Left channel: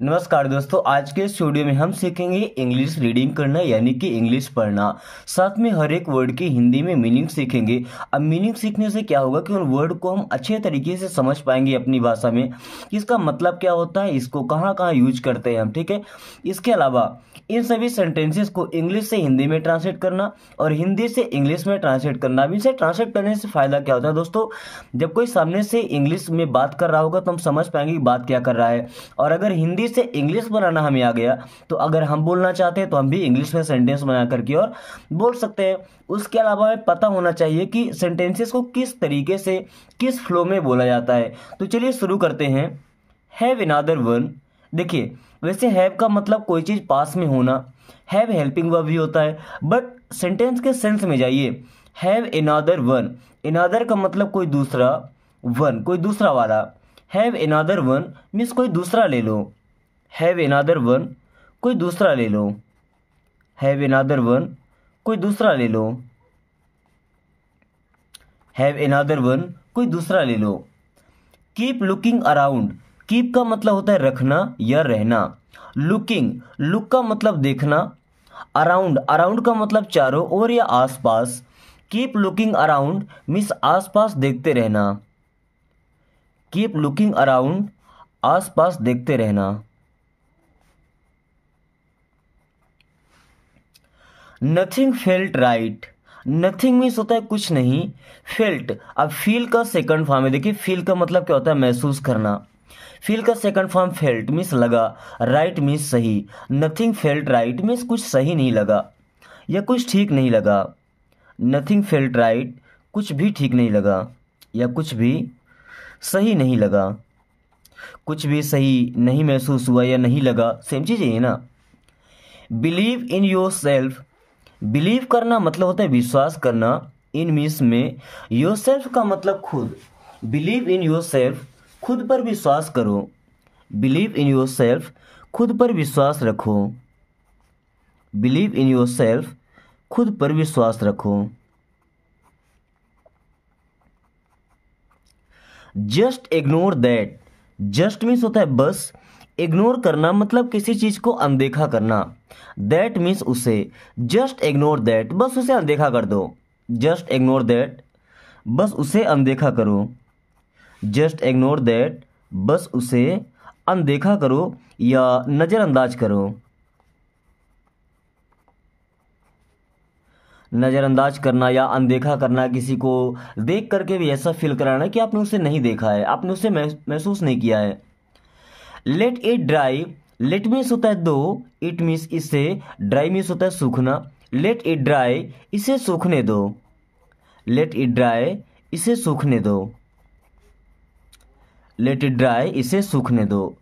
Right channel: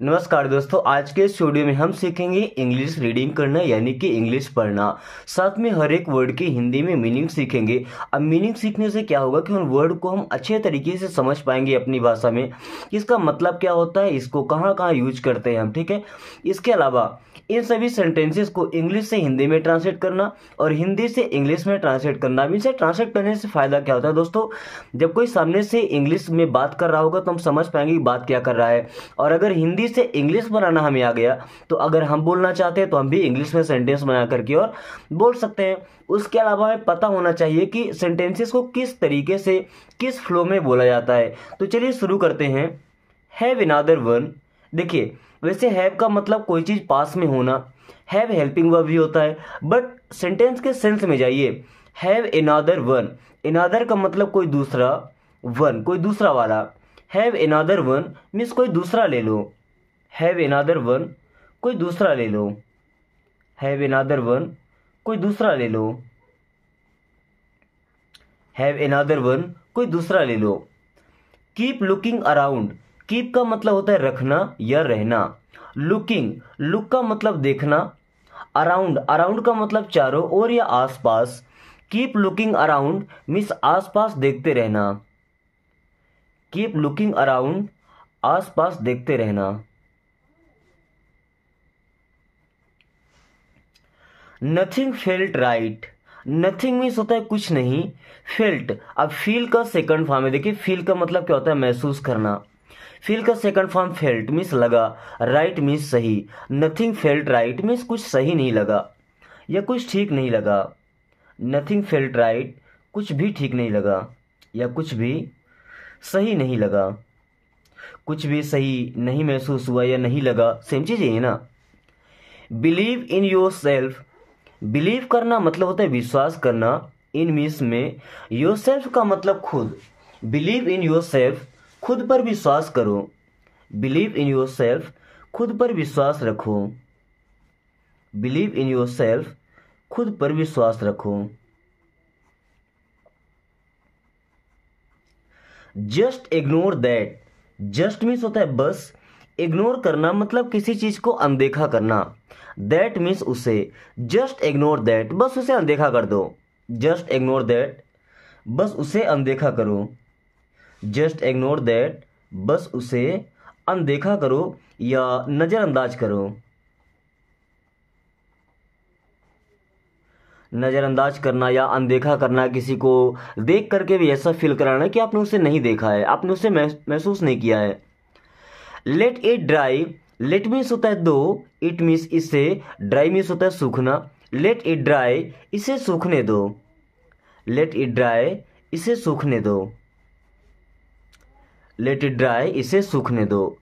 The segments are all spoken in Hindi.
नमस्कार दोस्तों, आज के इस वीडियो में हम सीखेंगे इंग्लिश रीडिंग करना यानी कि इंग्लिश पढ़ना। साथ में हर एक वर्ड की हिंदी में मीनिंग सीखेंगे। अब मीनिंग सीखने से क्या होगा कि उन वर्ड को हम अच्छे तरीके से समझ पाएंगे अपनी भाषा में, इसका मतलब क्या होता है, इसको कहाँ कहाँ यूज करते हैं हम। ठीक है, इसके अलावा इन सभी सेंटेंसेस को इंग्लिश से हिंदी में ट्रांसलेट करना और हिंदी से इंग्लिश में ट्रांसलेट करना। अब इसे ट्रांसलेट करने से फायदा क्या होता है दोस्तों, जब कोई सामने से इंग्लिश में बात कर रहा होगा तो हम समझ पाएंगे कि बात क्या कर रहा है। और अगर हिंदी से इंग्लिश बनाना हमें आ गया तो अगर हम बोलना चाहते हैं तो हम भी इंग्लिश में सेंटेंस बना करके और बोल सकते हैं। उसके अलावा हमें पता होना चाहिए कि सेंटेंसेस को किस तरीके से, किस फ्लो में बोला जाता है। तो चलिए शुरू करते हैं। Have another one. देखिए, वैसे हैव का मतलब कोई चीज पास में होना, हैव हेल्पिंग वर्ब भी होता है, बट सेंटेंस के सेंस में जाइए। हैव अनदर वन, अनदर का मतलब कोई दूसरा, वन कोई दूसरा वाला। हैव अनदर वन मीन्स कोई दूसरा ले लो। हैव अनदर वन कोई दूसरा ले लो। हैव अनदर वन कोई दूसरा ले लो। हैव अनदर वन कोई दूसरा ले लो। Keep looking around. कीप का मतलब होता है रखना या रहना। लुकिंग, लुक का मतलब देखना। अराउंड, अराउंड का मतलब चारों ओर या आसपास। कीप लुकिंग अराउंड मीन्स आसपास देखते रहना। कीप लुकिंग अराउंड, आसपास देखते रहना। Nothing felt right. Nothing means होता है कुछ नहीं। फेल्ट, अब फील का सेकंड फॉर्म है। देखिए, फील का मतलब क्या होता है, महसूस करना। फील का सेकंड फॉर्म फेल्ट मीन्स लगा, राइट मीन्स सही। नथिंग फेल्ट राइट मीन्स कुछ सही नहीं लगा या कुछ ठीक नहीं लगा। नथिंग फेल्ट राइट, कुछ भी ठीक नहीं लगा या कुछ भी सही नहीं लगा। कुछ भी सही नहीं महसूस हुआ या नहीं लगा, सेम चीज है ना। Believe in your self. Believe करना मतलब होता है विश्वास करना। इन मीन्स में योर सेल्फ का मतलब खुद। बिलीव इन योर सेल्फ, खुद पर विश्वास करो। बिलीव इन योर सेल्फ, खुद पर विश्वास रखो। बिलीव इन योर सेल्फ, खुद पर विश्वास रखो। Just ignore that. Just means होता है बस, इग्नोर करना मतलब किसी चीज को अनदेखा करना। दैट मीन्स उसे। जस्ट इग्नोर दैट, बस उसे अनदेखा कर दो। जस्ट इग्नोर दैट, बस उसे अनदेखा करो। जस्ट इग्नोर दैट, बस उसे अनदेखा करो या नजरअंदाज करो। नजरअंदाज करना या अनदेखा करना, किसी को देख करके भी ऐसा फील कराना कि आपने उसे नहीं देखा है, आपने उसे महसूस नहीं किया है। Let it dry. Let means होता है दो, इट मीन्स इसे, ड्राई मीन्स होता है सूखना। लेट इट ड्राई, इसे सूखने दो। लेट इट ड्राई, इसे सूखने दो। लेट इट ड्राई, इसे सूखने दो।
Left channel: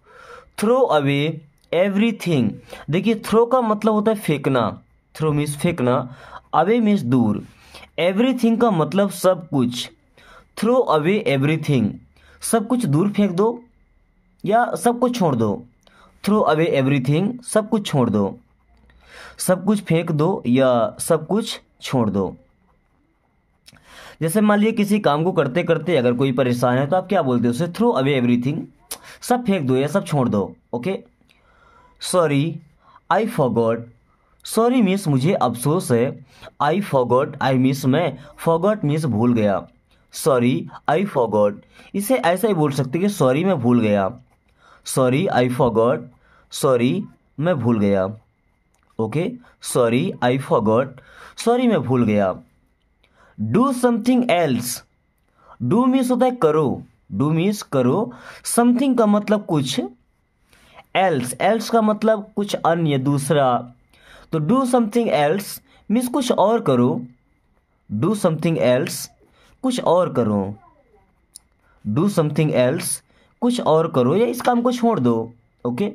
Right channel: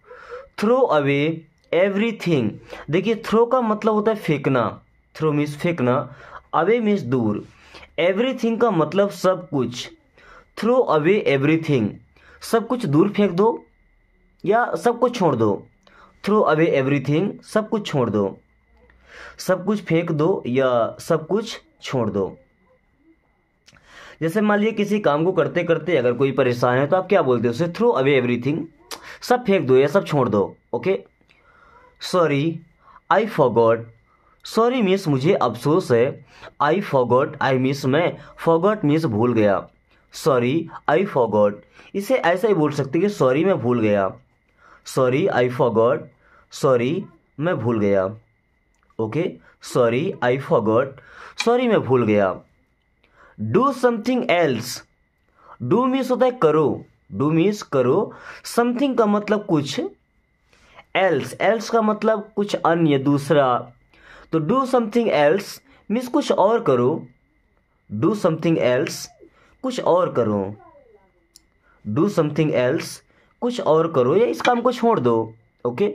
Throw away everything. देखिए, थ्रो का मतलब होता है फेंकना। थ्रो मीन्स फेंकना, अवे मीन्स दूर। एवरीथिंग का मतलब सब कुछ। थ्रो अवे एवरीथिंग, सब कुछ दूर फेंक दो या सब कुछ छोड़ दो। थ्रो अवे एवरीथिंग, सब कुछ छोड़ दो। सब कुछ फेंक दो या सब कुछ छोड़ दो। जैसे मान लीजिए किसी काम को करते करते अगर कोई परेशान है तो आप क्या बोलते हो उसे, थ्रो अवे एवरीथिंग, सब फेंक दो या सब छोड़ दो। Okay. Sorry I forgot. Sorry means मुझे अफसोस है। आई फॉरगॉट, आई मीन्स मैं, फॉरगॉट मीन्स भूल गया। सॉरी आई फॉरगॉट, इसे ऐसा ही बोल सकते कि सॉरी मैं भूल गया। सॉरी आई फॉरगॉट, सॉरी मैं भूल गया। Okay, sorry I forgot, sorry मैं भूल गया। Do something else. Do means होता है करो। डू मीन्स करो। समथिंग का मतलब कुछ। एल्स, एल्स का मतलब कुछ अन्य, दूसरा। तो डू समथिंग एल्स मीन्स कुछ और करो। डू समथिंग एल्स, कुछ और करो। डू समथिंग एल्स, कुछ और करो या इस काम को छोड़ दो। ओके।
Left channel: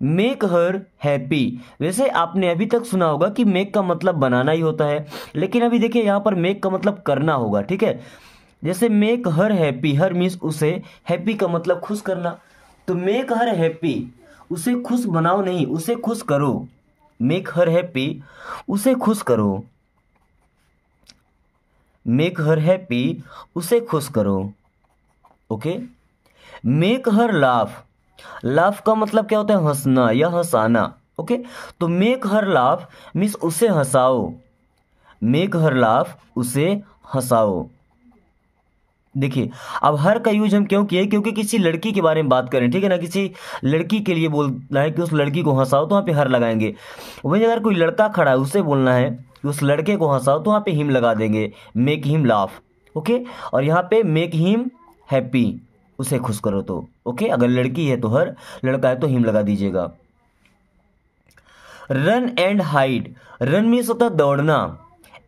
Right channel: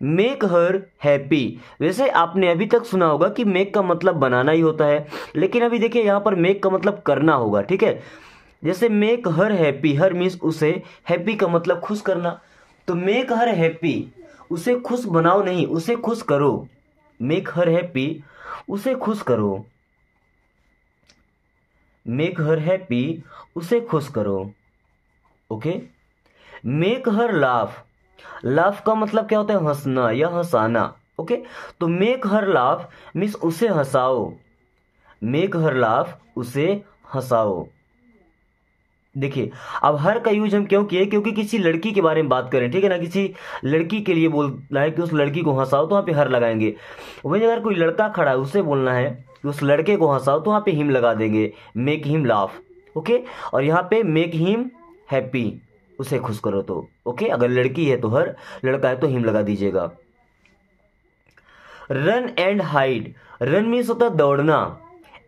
Make her happy. वैसे आपने अभी तक सुना होगा कि मेक का मतलब बनाना ही होता है, लेकिन अभी देखिए यहां पर मेक का मतलब करना होगा। ठीक है, जैसे मेक हर हैप्पी, हर मीन्स उसे, हैप्पी का मतलब खुश करना। तो मेक हर हैप्पी, उसे खुश बनाओ नहीं, उसे खुश करो। मेक हर हैप्पी, उसे खुश करो। मेक हर हैप्पी, उसे खुश करो। Okay. Make her laugh. Laugh का मतलब क्या होता है? हंसना या हंसाना। ओके, तो मेक हर लाफ मीन्स उसे हंसाओ। मेक हर लाफ, उसे हंसाओ। देखिए, अब हर का यूज हम क्यों किए? क्योंकि किसी लड़की के बारे में बात करें, ठीक है ना, किसी लड़की के लिए बोलना है कि उस लड़की को हंसाओ, तो वहां पे हर लगाएंगे। वहीं अगर कोई लड़का खड़ा है, उससे बोलना है कि उस लड़के को हंसाओ, तो वहां पे हिम लगा देंगे, मेक हिम लाफ। ओके, और यहाँ पे मेक हिम हैप्पी, उसे खुश करो। तो ओके, अगर लड़की है तो हर, लड़का है तो हिम लगा दीजिएगा। Run and hide, run means होता है दौड़ना,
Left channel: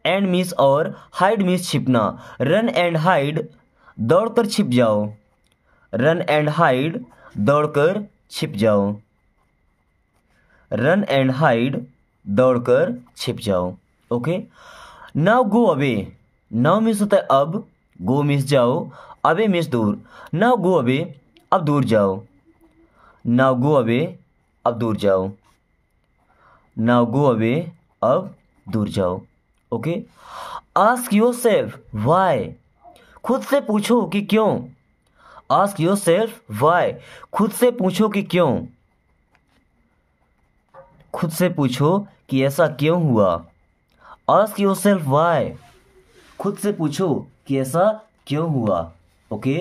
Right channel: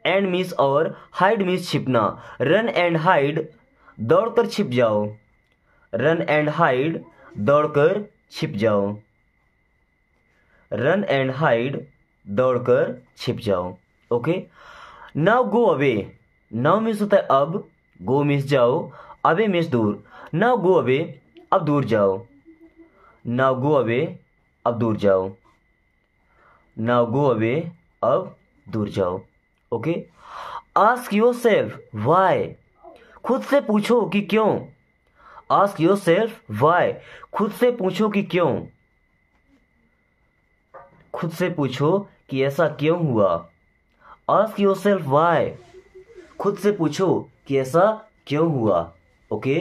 एंड मीन्स और, हाइड मीन्स छिपना। रन एंड हाइड, दौड़कर छिप जाओ। रन एंड हाइड, दौड़कर छिप जाओ। रन एंड हाइड, दौड़कर छिप जाओ। Okay, now go away, now means होता है अब, गो मीन्स जाओ, अवे मीन्स दूर। नाउ गो अवे, अब दूर जाओ। नाउ गो अवे, अब दूर जाओ। नाउ गो अवे, अब दूर जाओ। Okay, ask your self Y, खुद से पूछो कि क्यों। आस्क योर सेल्फ वाई, खुद से पूछो कि क्यों। खुद से पूछो कि ऐसा क्यों हुआ। आस्क योर सेल्फ वाई, खुद से पूछो कि ऐसा क्यों हुआ। Okay,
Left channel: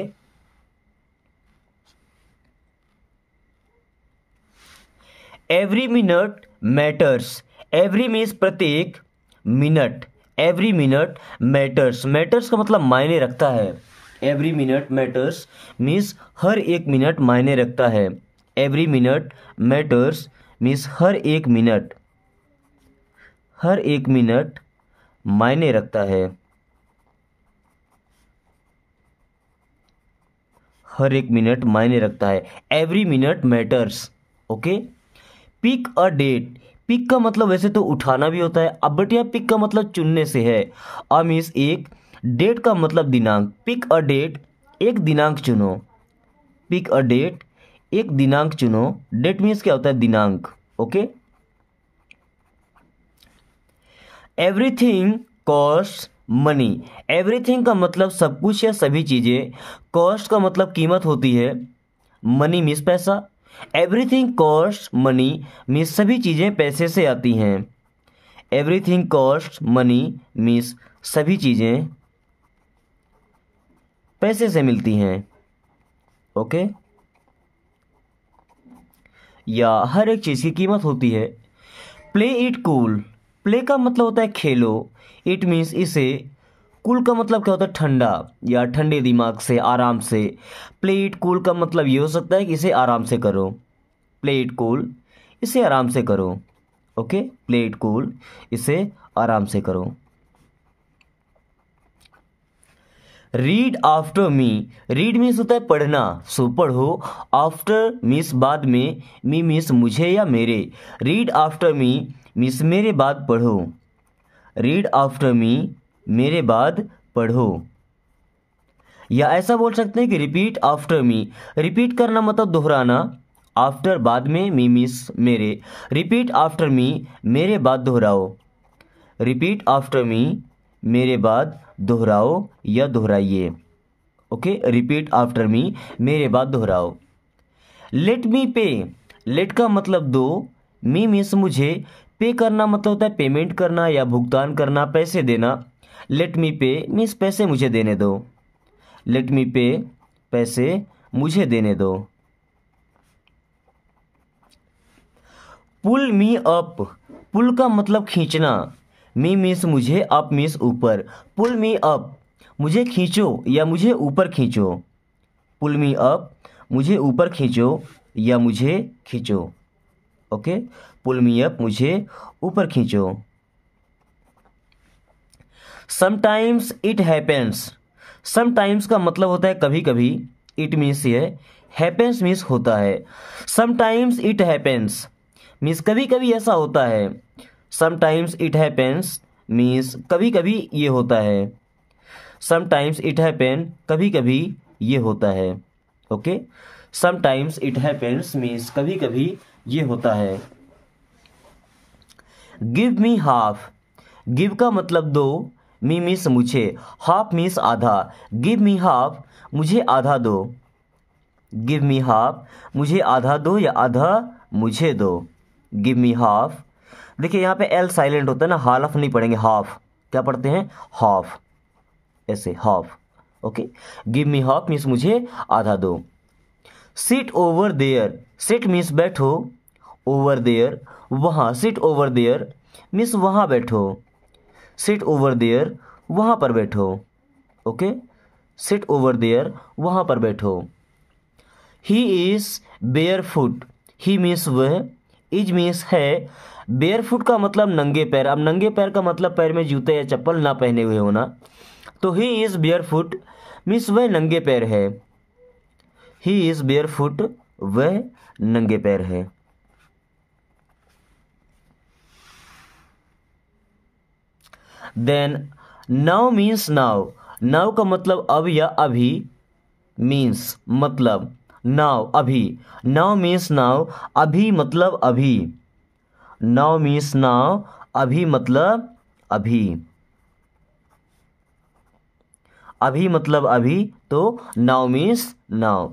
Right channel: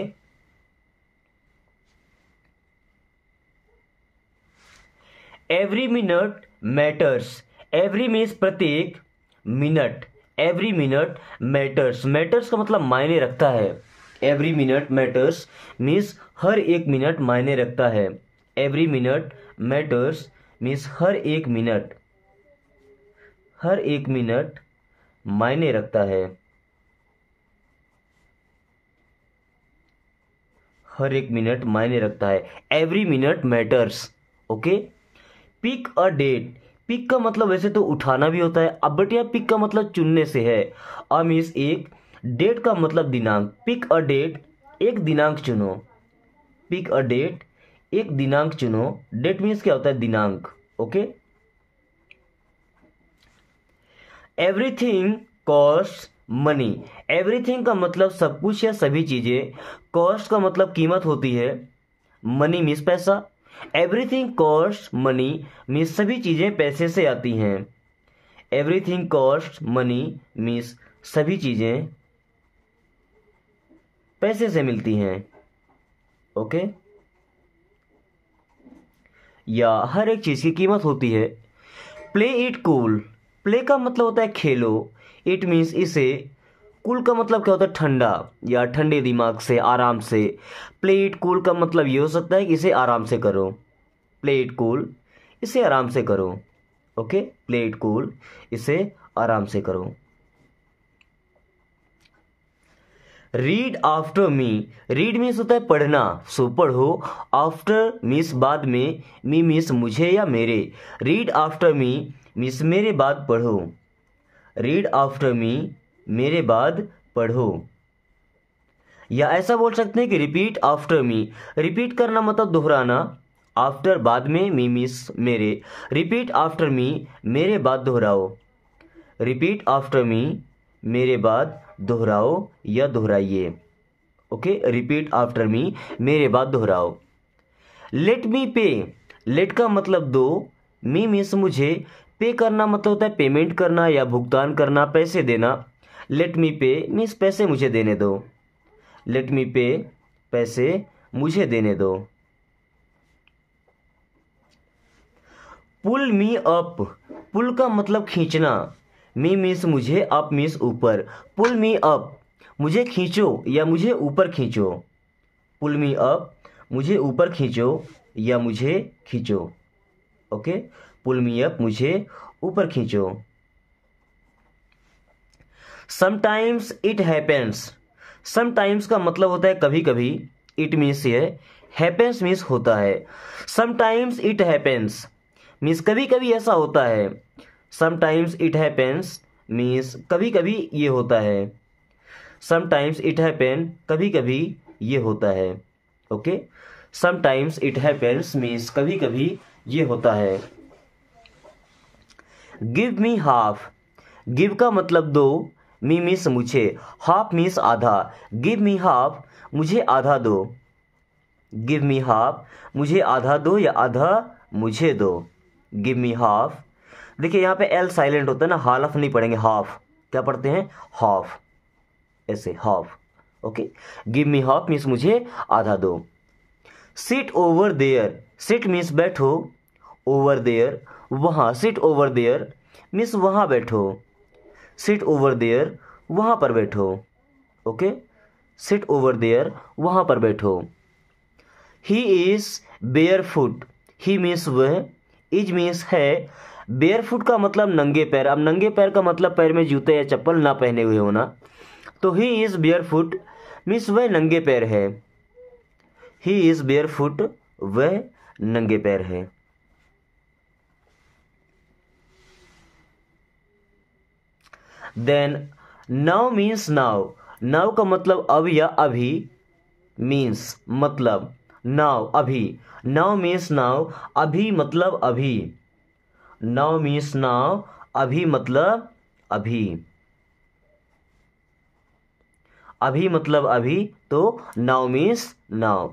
every minute matters, every means प्रत्येक, minute, every minute matters, matters का मतलब मायने रखता है। एवरी मिनट मैटर्स मीन्स हर एक मिनट मायने रखता है। एवरी मिनट मैटर्स मीन्स हर एक मिनट, हर एक मिनट मायने रखता है। हर एक मिनट मायने रखता है। Every minute matters. Okay, pick a date, pick का मतलब वैसे तो उठाना भी होता है, अब बट यहाँ पिक का मतलब चुनने से है। अ मीन्स एक, डेट का मतलब दिनांक। पिक अ डेट, एक दिनांक चुनो। पिक अ डेट, एक दिनांक चुनो। डेट मीन्स क्या होता है? दिनांक। Okay, everything cost money, everything का मतलब सब कुछ या सभी चीजें, कॉस्ट का मतलब कीमत होती है, मनी मीन्स पैसा। एवरीथिंग कॉस्ट मनी मीन्स सभी चीजें पैसे से आती हैं। एवरीथिंग कॉस्ट मनी मीन्स सभी चीजें पैसे से मिलती हैं। ओके, या हर एक चीज की कीमत होती है। प्ले इट कूल, प्ले का मतलब होता है खेलो, इट मीन्स इसे, कूल का मतलब क्या होता है? ठंडा या ठंडे दिमाग से, आराम से। प्ले इट कूल का मतलब ये हो सकता है कि इसे आराम से करो। प्ले इट कूल, इसे आराम से करो। ओके, प्ले इट कूल, इसे आराम से करो। Read after me, read means होता है पढ़ना, सो पढ़ो। आफ्टर मीन्स बाद में, मी मीन्स मुझे या मेरे। रीड आफ्टर मी मीन्स मेरे बाद पढ़ो। रीड आफ्टर मी, मेरे बाद पढ़ो। या ऐसा बोल सकते हैं कि रिपीट आफ्टर मी, रिपीट करना मतलब दोहराना। आफ्टर बाद में, मी मीन्स मेरे। रिपीट आफ्टर मी, मेरे बाद दोहराओ। रिपीट आफ्टर मी, मेरे बाद दोहराओ या दोहराइए। ओके, रिपीट आफ्टर मी, मेरे बाद दोहराओ। लेट मी पे, लेट का मतलब दो, मी मीन्स मुझे, पे करना मतलब होता है पेमेंट करना या भुगतान करना, पैसे देना। लेट मी पे मीन्स पैसे मुझे देने दो। लेट मी पे, पैसे मुझे देने दो। पुल मी अप, पुल का मतलब खींचना, मी मीन्स मुझे, अप मीन्स ऊपर। पुल मी अप, मुझे खींचो या मुझे ऊपर खींचो। पुल मी अप, मुझे ऊपर खींचो या मुझे खींचो। ओके, पुल मी अप, मुझे ऊपर खींचो। समटाइम्स इट हैपेंस, समटाइम्स का मतलब होता है कभी कभी, इट मीन्स ये, हैपेंस मीन्स होता है। समटाइम्स इट हैपेंस मीन्स कभी कभी ऐसा होता है। समटाइम्स इट हैपेंस मीन्स कभी कभी ये होता है। समटाइम्स इट हैपेन, कभी कभी ये होता है। Okay, sometimes it happens means कभी कभी ये होता है। गिव मी हाफ, गिव का मतलब दो, मी मीन्स मुझे, हाफ मीन्स आधा। गिव मी हाफ, मुझे आधा दो। गिव मी हाफ, मुझे आधा दो या आधा मुझे दो। Give me half. देखिए यहाँ पे एल साइलेंट होता है ना, हाफ नहीं पढ़ेंगे, हाफ क्या पढ़ते हैं, हाफ, ऐसे half. Okay, give me half means मुझे आधा दो। Sit over there, sit means बैठो, ओवर देयर वहाँ, सिट ओवर देयर मीन्स वहाँ बैठो, सिट ओवर देयर वहाँ पर बैठो। ओके, सिट ओवर देयर वहाँ पर बैठो। He is bear foot, he means वह, इज मीन्स है, बेयर फुट का मतलब नंगे पैर। अब नंगे पैर का मतलब पैर में जूते या चप्पल ना पहने हुए होना, तो he is bear foot means वह नंगे पैर है, ही इज बेयर फुट वह नंगे पैर है। Then now means now, now का मतलब अब या अभी, मीन्स मतलब, नाउ अभी, नाउ मीन्स नाउ, अभी मतलब अभी, नाउ मीन्स नाउ, अभी मतलब अभी, अभी मतलब अभी, तो now means now.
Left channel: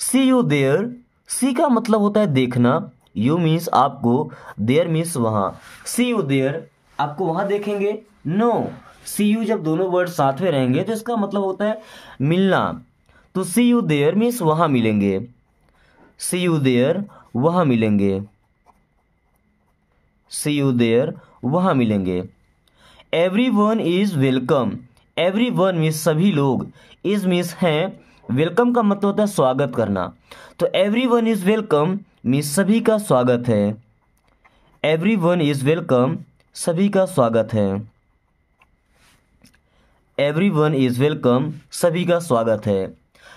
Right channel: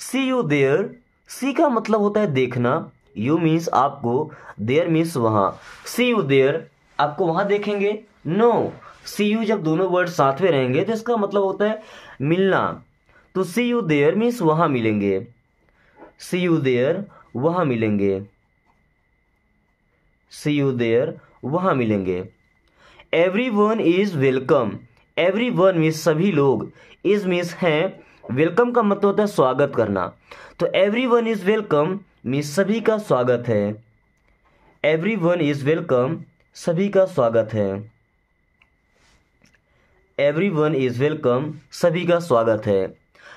See you there, see का मतलब होता है देखना, यू मीन्स आपको, देयर मीन्स वहां। सी यू देयर आपको वहां देखेंगे, नो, सी यू जब दोनों वर्ड साथ में रहेंगे तो इसका मतलब होता है मिलना, तो सी यू देयर मीन्स वहां मिलेंगे, सी यू देयर वहां मिलेंगे, सी यू देयर वहां मिलेंगे। Every one is welcome, every one means सभी लोग, इज मीन्स है, वेलकम का मतलब होता है स्वागत करना, तो every one is welcome means सभी का स्वागत है, एवरी वन इज वेलकम सभी का स्वागत है, एवरी वन इज वेलकम सभी का स्वागत है।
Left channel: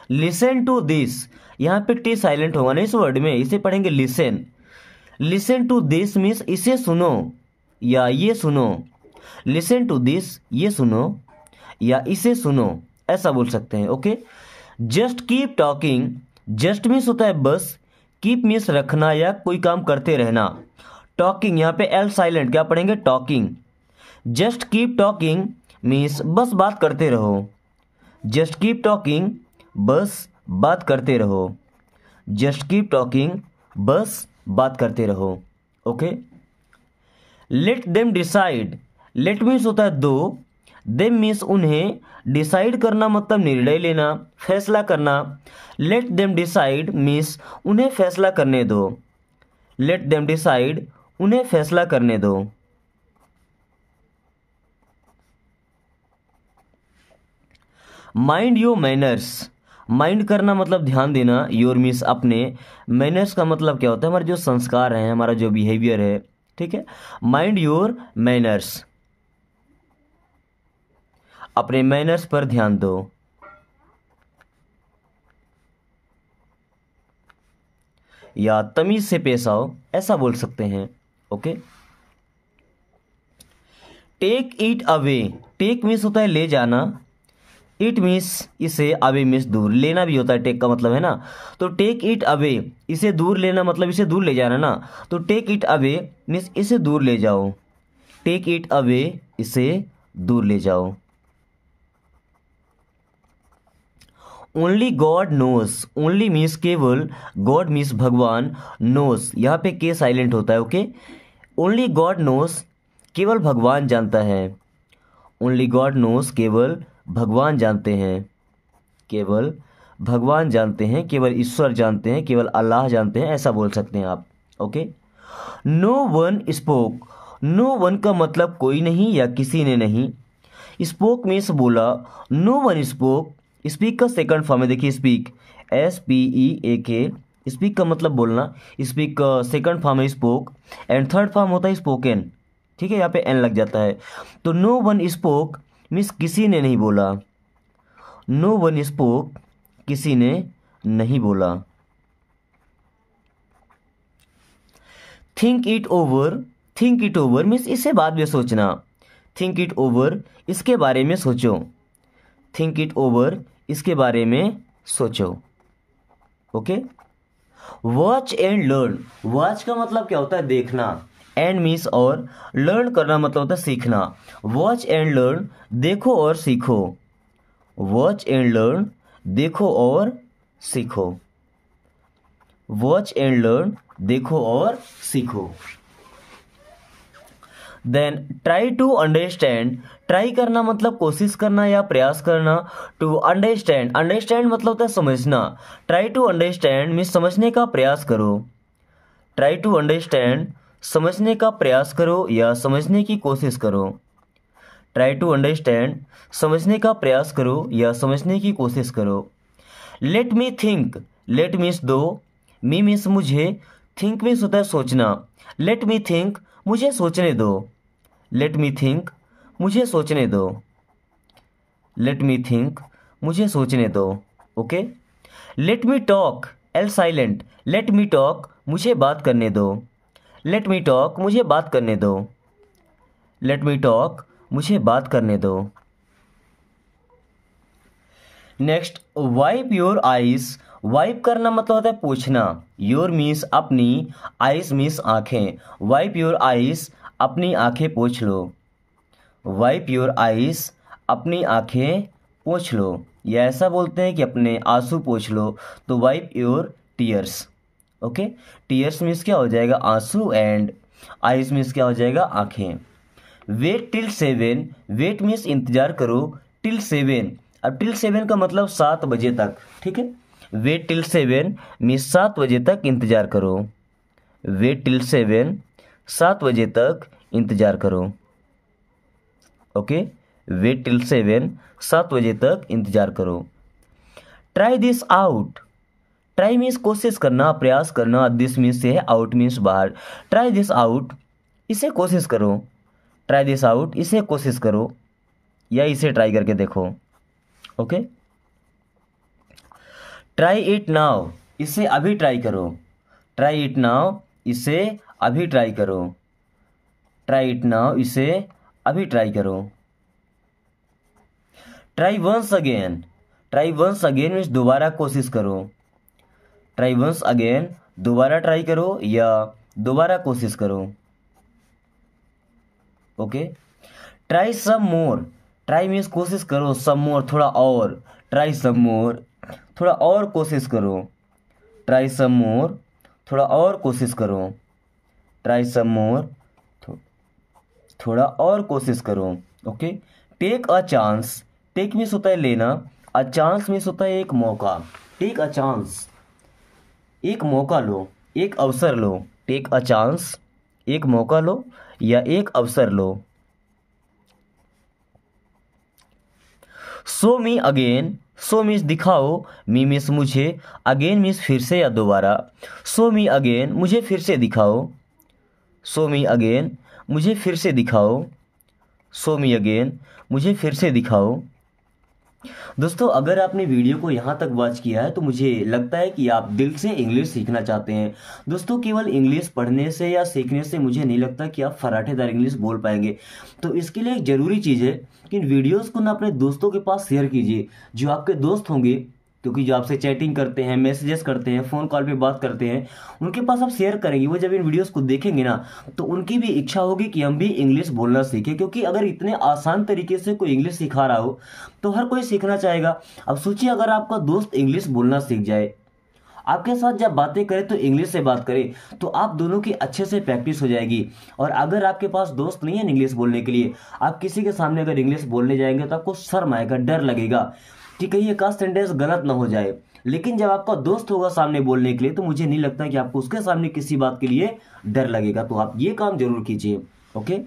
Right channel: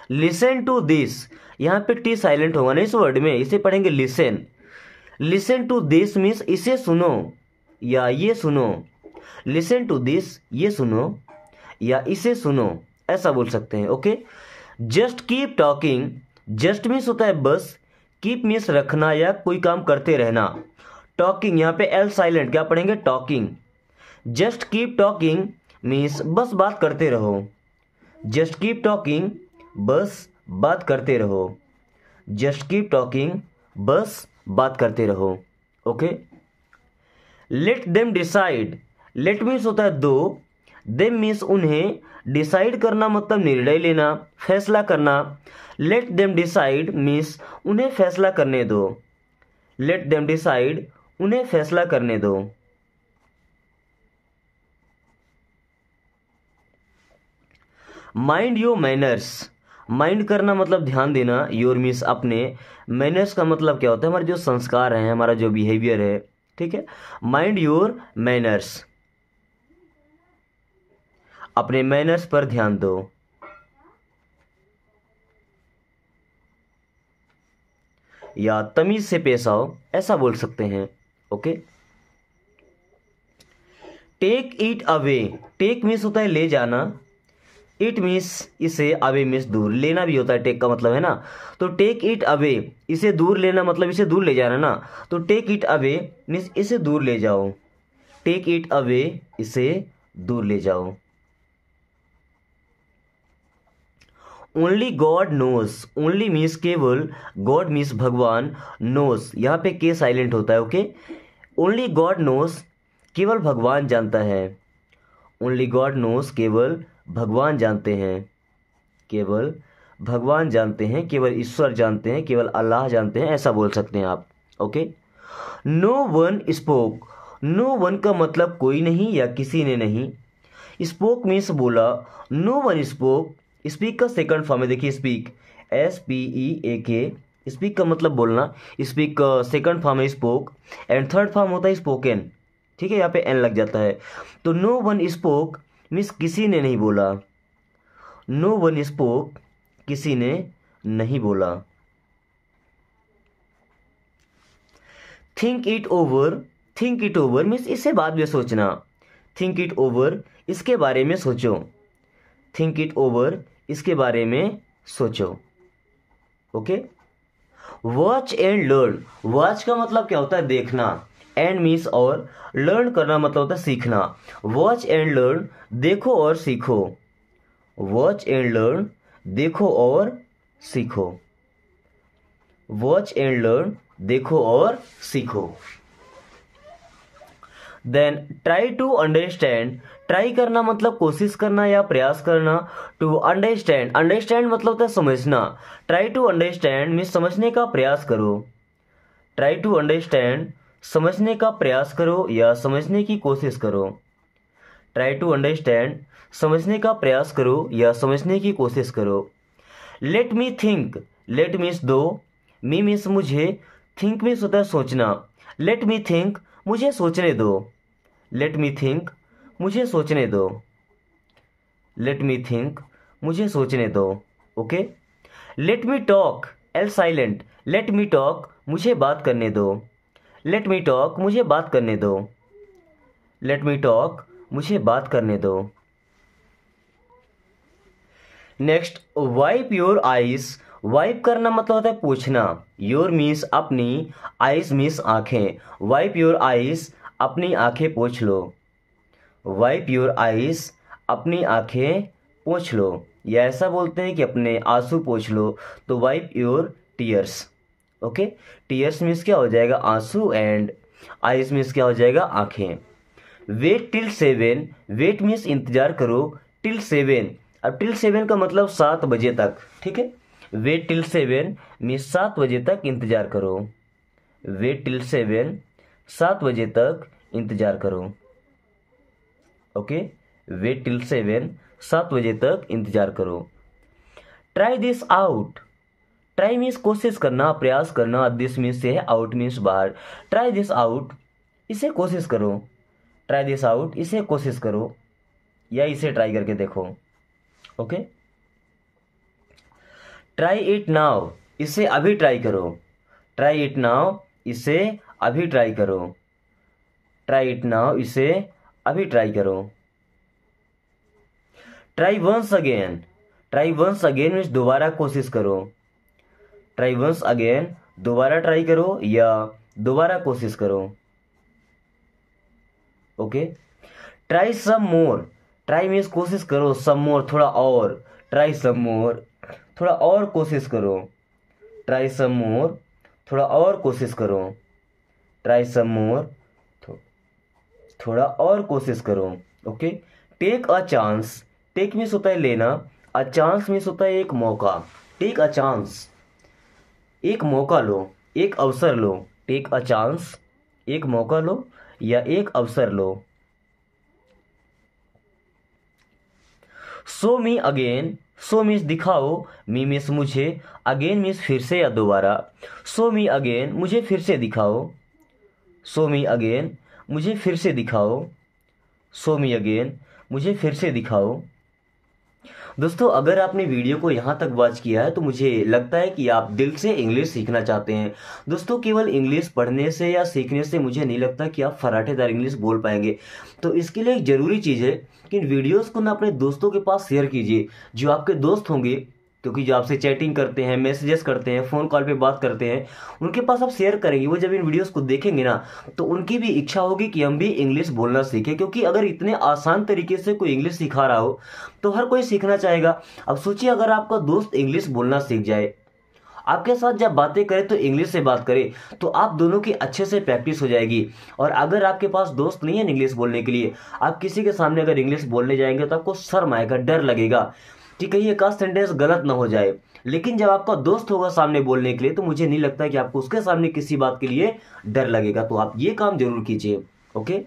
लिसन टू दिस, यहाँ पे टी साइलेंट होगा ना इस वर्ड में, इसे पढ़ेंगे listen. Listen to this means इसे सुनो या ये सुनो, लिसन टू दिस ये सुनो या इसे सुनो, ऐसा बोल सकते हैं। Okay, just keep talking, just means होता है बस, कीप मीन्स रखना या कोई काम करते रहना, टॉकिंग यहाँ पे एल साइलेंट, क्या पढ़ेंगे, talking. Just keep talking means बस बात करते रहो, जस्ट कीप टॉकिंग बस बात करते रहो, जस्ट कीप टॉकिंग बस बात करते रहो। Okay, let them decide, let means होता है दो, देम मीन्स उन्हें, डिसाइड करना मतलब निर्णय लेना, फैसला करना, लेट देम डिसाइड मीन्स उन्हें फैसला करने दो, लेट देम डिसाइड उन्हें फैसला करने दो। माइंड योर मैनर्स, माइंड करना मतलब ध्यान देना, योर मीन्स अपने, मैनर्स का मतलब क्या होता है, हमारे जो संस्कार हैं, हमारा जो बिहेवियर है, ठीक है, माइंड योर मैनर्स, अपने मैनर्स पर ध्यान दो। या तमीज से पेश आओ, ऐसा बोल सकते हैं। Okay, take it away, take means होता है ले जाना, इट मीन्स इसे, अवे मीन्स दूर, लेना भी होता है टेक का मतलब, है ना, तो टेक इट अवे इसे दूर लेना मतलब इसे दूर ले जाना ना, तो टेक इट अवे मीन्स इसे दूर ले जाओ, टेक इट अवे इसे दूर ले जाओ। Only God knows, only means केवल, गॉड मीन्स भगवान, नोज यहाँ पे के साइलेंट होता है। ओके, ओनली गॉड नोज केवल भगवान जानता है, ओनली गॉड नोज केवल भगवान जानते हैं, केवल भगवान जानते हैं, केवल ईश्वर जानते हैं, केवल अल्लाह जानते हैं, ऐसा बोल सकते हैं आप। Okay, no one spoke, no one का मतलब कोई नहीं या किसी ने नहीं, स्पोक मीन्स बोला, नो वन स्पोक, स्पीक का सेकंड फॉर्म है, देखिए स्पीक, SPEAK, स्पीक का मतलब बोलना, स्पीक का सेकंड फॉर्म है स्पोक, एंड थर्ड फॉर्म होता है स्पोकन, ठीक है, यहाँ पे एन लग जाता है, तो नो वन स्पोक मीन्स किसी ने नहीं बोला, नो वन स्पोक किसी ने नहीं बोला। Think it over, think it over means इसे बाद में सोचना, थिंक इट ओवर इसके बारे में सोचो, थिंक इट ओवर इसके बारे में सोचो। Okay, watch and learn, watch का मतलब क्या होता है देखना, एंड मीन्स और, लर्न करना मतलब होता है सीखना, वॉच एंड लर्न देखो और सीखो, वॉच एंड लर्न देखो और सीखो। वॉच एंड लर्न, देखो और सीखो। Then try to understand, try करना मतलब कोशिश करना या प्रयास करना। टू अंडरस्टैंड, अंडरस्टैंड मतलब होता है समझना। ट्राई टू अंडरस्टैंड मीन्स समझने का प्रयास करो। ट्राई टू अंडरस्टैंड समझने का प्रयास करो या समझने की कोशिश करो। ट्राई टू अंडरस्टैंड समझने का प्रयास करो या समझने की कोशिश करो। Let me think, let means दो, मी मीन्स मुझे, थिंक मीन्स होता है सोचना। लेट मी थिंक, मुझे सोचने दो। लेट मी थिंक, मुझे सोचने दो। लेट मी थिंक, मुझे सोचने दो। Okay. Let me talk, L silent, let me talk, मुझे बात करने दो। लेट मी टॉक, मुझे बात करने दो। लेट मी टॉक, मुझे बात करने दो। Next, wipe your eyes, wipe करना मतलब होता है पोंछना। योर मीन्स अपनी, आईज मीन्स आंखें। वाइप योर आईज, अपनी आंखें पोंछ लो। वाइप योर आईज, अपनी आंखें पोंछ लो, या ऐसा बोलते हैं कि अपने आंसू पोंछ लो, तो wipe your tears. Okay. Tears means क्या हो जाएगा, आंसू, एंड आईज मीन्स क्या हो जाएगा, आंखें। वेट टिल 7, वेट मीन्स इंतजार करो, टिल 7, अब टिल 7 का मतलब 7 बजे तक, ठीक है। वेट टिल 7 मीन्स 7 बजे तक इंतजार करो। वेट टिल 7, 7 बजे तक इंतजार करो। ओके। वेट टिल 7, 7 बजे तक इंतजार करो। Try this out, try means कोशिश करना, प्रयास करना, दिस मीन्स से, आउट मीन्स बाहर। ट्राई दिस आउट, इसे कोशिश करो। ट्राई दिस आउट, इसे कोशिश करो या इसे ट्राई करके देखो। ओके। ट्राई इट नाउ, इसे अभी ट्राई करो। ट्राई इट नाउ, इसे अभी ट्राई करो। ट्राई इट नाउ, इसे अभी ट्राई करो। Try once again, try once again means दोबारा कोशिश करो। ट्राई वंस अगेन, दोबारा ट्राई करो या दोबारा कोशिश करो। Okay. Try some more, try means कोशिश करो, सम मोर थोड़ा और। ट्राई सम मोर, थोड़ा और कोशिश करो। ट्राई सम मोर, थोड़ा और कोशिश करो। ट्राई सम मोर, थोड़ा और कोशिश करो। Okay. Take a chance, take means होता है लेना, अ चांस मीन्स होता है एक मौका। टेक अ चांस, एक मौका लो, एक अवसर लो। टेक अ चांस, एक मौका लो या एक अवसर लो। Show me again, show means दिखाओ, मी मीन्स मुझे, अगेन मीन्स फिर से या दोबारा। शो मी अगेन, मुझे फिर से दिखाओ। शो मी अगेन, मुझे फिर से दिखाओ। शो मी अगेन, मुझे फिर से दिखाओ। दोस्तों, अगर आपने वीडियो को यहाँ तक वॉच किया है तो मुझे लगता है कि आप दिल से इंग्लिश सीखना चाहते हैं। दोस्तों, केवल इंग्लिश पढ़ने से या सीखने से मुझे नहीं लगता कि आप फराटेदार इंग्लिश बोल पाएंगे। तो इसके लिए एक ज़रूरी चीज़ है कि इन वीडियोस को ना अपने दोस्तों के पास शेयर कीजिए, जो आपके दोस्त होंगे, क्योंकि जो आपसे चैटिंग करते हैं, मैसेजेस करते हैं, फ़ोन कॉल पे बात करते हैं, उनके पास आप शेयर करेंगे। वो जब इन वीडियोस को देखेंगे ना, तो उनकी भी इच्छा होगी कि हम भी इंग्लिश बोलना सीखें, क्योंकि अगर इतने आसान तरीके से कोई इंग्लिश सिखा रहा हो तो हर कोई सीखना चाहेगा। अब सोचिए, अगर आपका दोस्त इंग्लिश बोलना सीख जाए, आपके साथ जब बातें करे तो इंग्लिश से बात करे, तो आप दोनों की अच्छे से प्रैक्टिस हो जाएगी। और अगर आपके पास दोस्त नहीं है इंग्लिश बोलने के लिए, आप किसी के सामने अगर इंग्लिश बोलने जाएंगे तो आपको शर्म आएगा, डर लगेगा कि कहीं एक आध सेंटेंस गलत ना हो जाए। लेकिन जब आपका दोस्त होगा सामने बोलने के लिए, तो मुझे नहीं लगता कि आपको उसके सामने किसी बात के लिए डर लगेगा। तो आप ये काम जरूर कीजिए। ओके।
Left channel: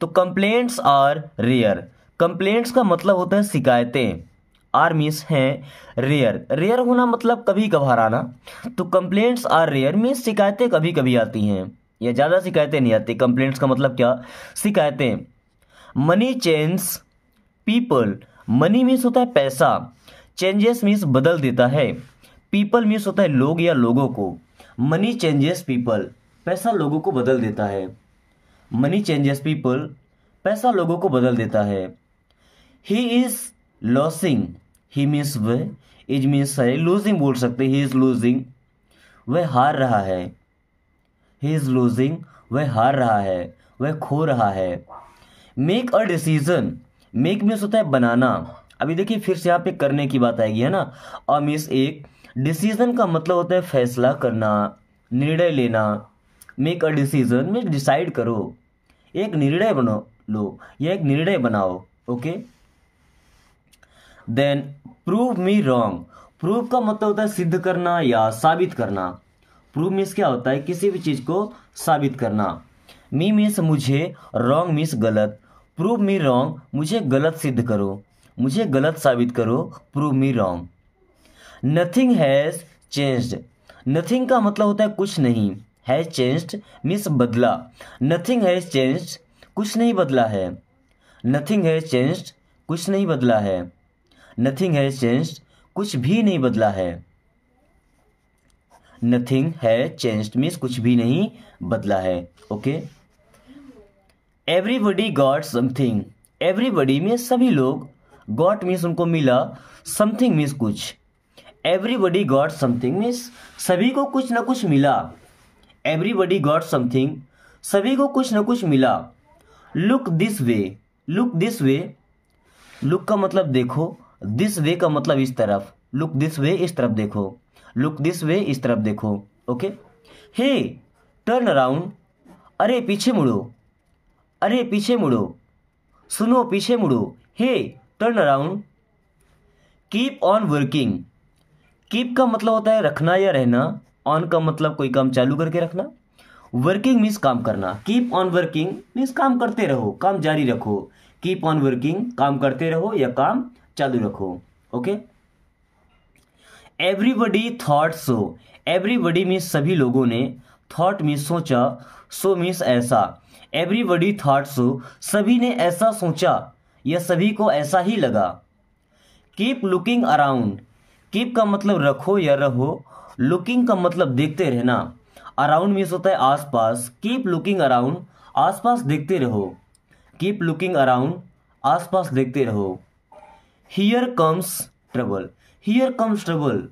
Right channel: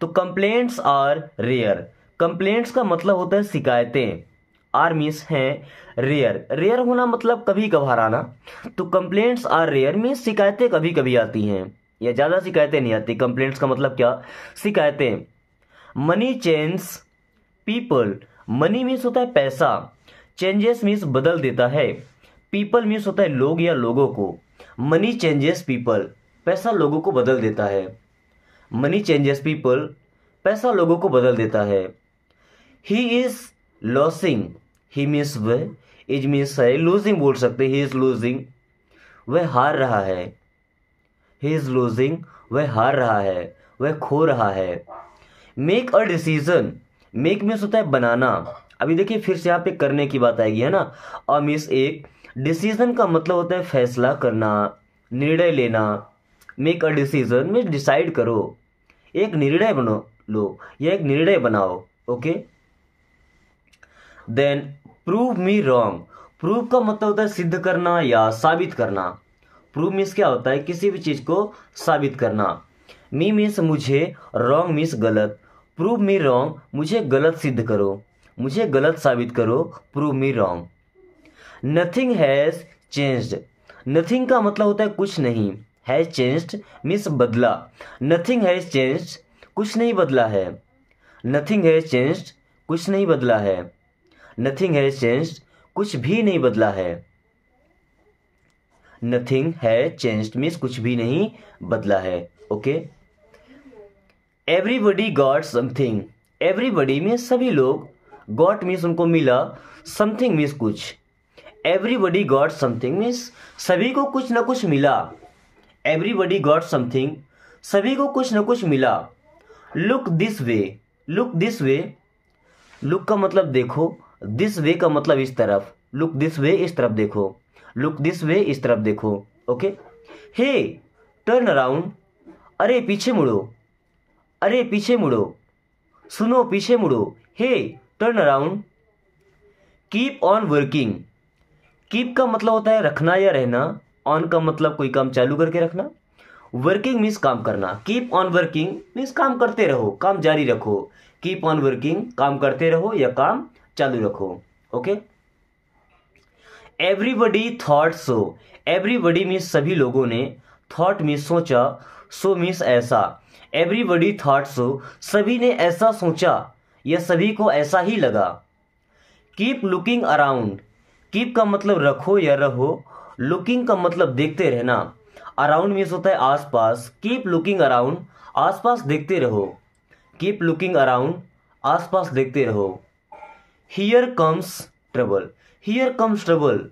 तो कंप्लेंट्स आर रेयर, कंप्लेंट्स का मतलब होता है शिकायतें। आर मीन्स है रेयर, रेयर होना मतलब कभी कभार आना। तो कंप्लेंट्स आर रेयर मीन्स शिकायतें कभी कभी आती हैं या ज़्यादा शिकायतें नहीं आती। कंप्लेंट्स का मतलब क्या, शिकायतें। Money change people, money means होता है पैसा, चेंजेस मीन्स बदल देता है, पीपल मीन्स होता है लोग या लोगों को। मनी चेंजेस पीपल, पैसा लोगों को बदल देता है। मनी चेंजेस पीपल, पैसा लोगों को बदल देता है। He is losing, he means वह, इज मीन्स है, लूजिंग बोल सकते, ही इज लूजिंग, वह हार रहा है। ही इज लूजिंग, वह हार रहा है, वह खो रहा है। Make a decision, make means होता है बनाना। अभी देखिए फिर से यहाँ पे करने की बात आएगी, है ना। अ मीन्स एक, डिसीजन का मतलब होता है फैसला करना, निर्णय लेना। मेक अ डिसीजन में डिसाइड करो, एक निर्णय बनो लो या एक निर्णय बनाओ। Okay. Then prove me wrong. Prove का मतलब होता है सिद्ध करना या साबित करना। प्रूव मीन्स क्या होता है, किसी भी चीज को साबित करना। मी मीन्स मुझे, रॉन्ग मीन्स गलत। प्रूव मी रॉन्ग, मुझे गलत सिद्ध करो, मुझे गलत साबित करो। Prove me wrong. Nothing has changed. Nothing का मतलब होता है कुछ नहीं। हैज चेंज्ड मीन्स बदला। नथिंग हैज चेंज्ड, कुछ नहीं बदला है। नथिंग हैज चेंज्ड, कुछ नहीं बदला है। नथिंग हैज चेंज्ड, कुछ भी नहीं बदला है। नथिंग हैज चेंज्ड मीन्स कुछ भी नहीं बदला है। Okay. Everybody got something. Everybody means सभी लोग, गॉट मीन्स उनको मिला, समथिंग मीन्स कुछ। एवरीबडी गॉट समथिंग मीन्स सभी को कुछ ना कुछ मिला। एवरीबडी गॉट समथिंग, सभी को कुछ ना कुछ मिला। Look this way. Look this way, look का मतलब देखो, दिस वे का मतलब इस तरफ। लुक दिस वे, इस तरफ देखो। लुक दिस वे, इस तरफ देखो। ओके। Hey turn around. अरे पीछे मुड़ो, अरे पीछे मुड़ो। सुनो पीछे मुड़ो। Hey turn around. Keep on working. Keep का मतलब होता है रखना या रहना। ऑन का मतलब कोई काम चालू करके रखना। वर्किंग मीन्स काम करना। कीप ऑन वर्किंग मीन्स काम करते रहो, काम जारी रखो। कीप ऑन वर्किंग, काम करते रहो या काम चालू रखो। Okay. Everybody thought so. Everybody means सभी लोगों ने, थॉट मीन्स सोचा, सो मीन्स ऐसा। एवरीबडी थॉट सो, सभी ने ऐसा सोचा या सभी को ऐसा ही लगा। Keep looking around. कीप का मतलब रखो या रहो। लुकिंग का मतलब देखते रहना। अराउंड मीन्स होता है आसपास। कीप लुकिंग अराउंड, आसपास देखते रहो। कीप लुकिंग अराउंड, आसपास देखते रहो। Here comes trouble. Here comes trouble,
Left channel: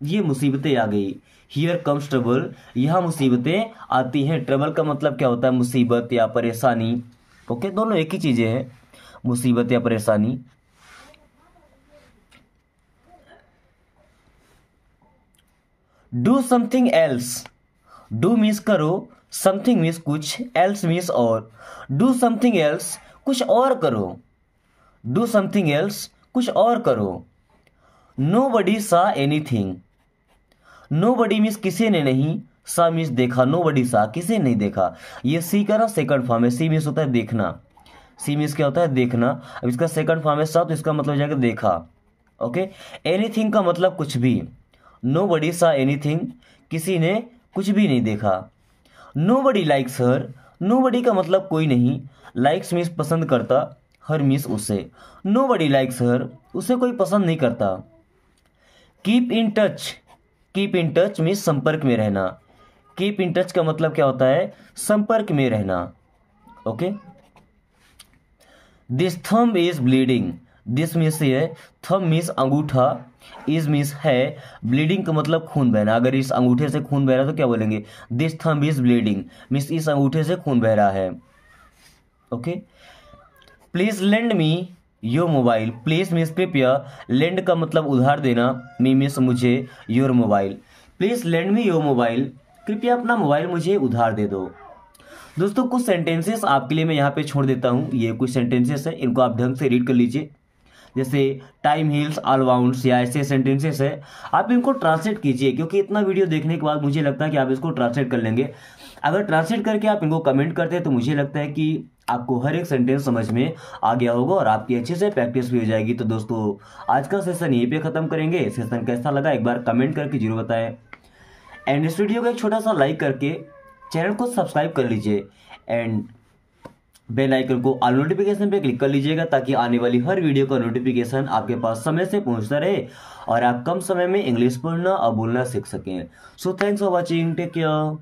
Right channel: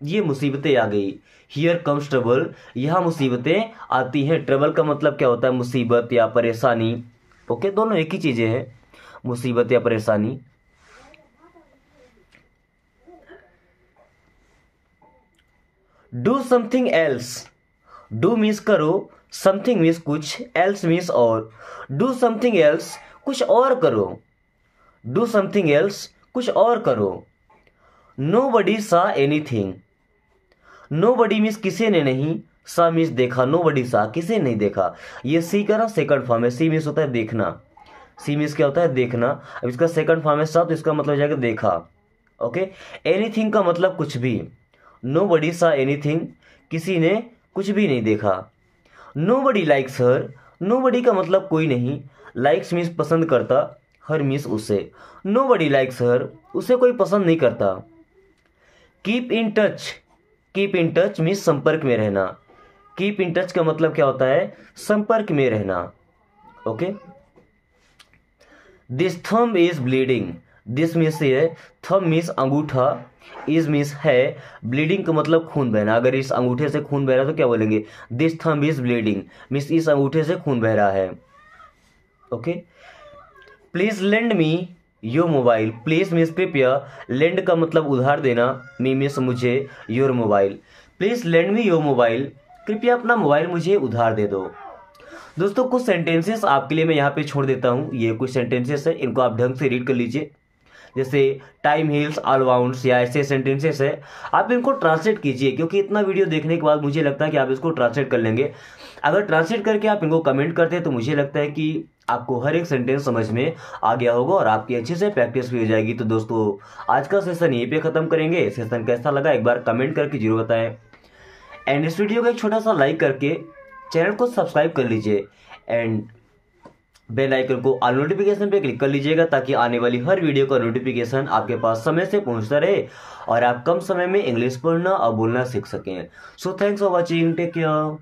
ये मुसीबतें आ गई। हियर कम्स ट्रबल, यहां मुसीबतें आती हैं। ट्रबल का मतलब क्या होता है, मुसीबत या परेशानी। ओके, दोनों एक ही चीजें हैं, मुसीबत या परेशानी। Do something else. Do means करो, समथिंग मीन्स कुछ, एल्स मीन्स और। डू समथिंग एल्स, कुछ और करो। डू समथिंग एल्स, कुछ और करो। नोबडी सा एनीथिंग। नोबडी मीन्स किसी ने नहीं, सा मीन्स देखा। नोबडी सा, किसी ने नहीं देखा। ये सी का ना सेकंड फॉर्म है। सी मीन्स होता है देखना। सी मीन्स क्या होता है, देखना। अब इसका सेकंड फॉर्म है सा, तो इसका मतलब हो जाएगा देखा। ओके। एनीथिंग का मतलब कुछ भी। नोबडी सा एनीथिंग, किसी ने कुछ भी नहीं देखा। नोबडी लाइक्स हर। नोबडी का मतलब कोई नहीं। लाइक्स मीन्स पसंद करता, हर मीन्स उसे। नोबडी लाइक्स हर, उसे कोई पसंद नहीं करता। Keep in touch. Keep in touch means संपर्क में रहना। कीप इन टच का मतलब क्या होता है, संपर्क में रहना। Okay. This thumb is bleeding. This means है, थंब मीन्स अंगूठा, इज मीन्स है, ब्लीडिंग का मतलब खून बहना। अगर इस अंगूठे से खून बह रहा है तो क्या बोलेंगे, this thumb is bleeding means इस अंगूठे से खून बह रहा है। Okay. Please lend me your mobile. Please means कृपया, लेंड का मतलब उधार देना, मी मीन्स मुझे, your mobile. Please lend me your mobile, कृपया अपना मोबाइल मुझे उधार दे दो। दोस्तों कुछ सेंटेंसेस आपके लिए मैं यहाँ पे छोड़ देता हूँ। ये कुछ सेंटेंसेस है, इनको आप ढंग से रीड कर लीजिए। जैसे टाइम हील्स ऑल वाउंड्स या ऐसे सेंटेंसेस है, आप इनको ट्रांसलेट कीजिए, क्योंकि इतना वीडियो देखने के बाद मुझे लगता है कि आप इसको ट्रांसलेट कर लेंगे। अगर ट्रांसलेट करके आप इनको कमेंट करते हैं तो मुझे लगता है कि आपको हर एक सेंटेंस समझ में आ गया होगा और आपकी अच्छे से प्रैक्टिस भी हो जाएगी। तो दोस्तों आज का सेशन यहीं पे खत्म करेंगे। सेशन कैसा लगा एक बार कमेंट करके जरूर बताएं, एंड इस वीडियो को एक छोटा सा लाइक करके चैनल को सब्सक्राइब कर लीजिए, एंड बेल आइकन को ऑल नोटिफिकेशन पे क्लिक कर लीजिएगा, ताकि आने वाली हर वीडियो का नोटिफिकेशन आपके पास समय से पहुंचता रहे और आप कम समय में इंग्लिश पढ़ना और बोलना सीख सकें। So thanks for watching, take care.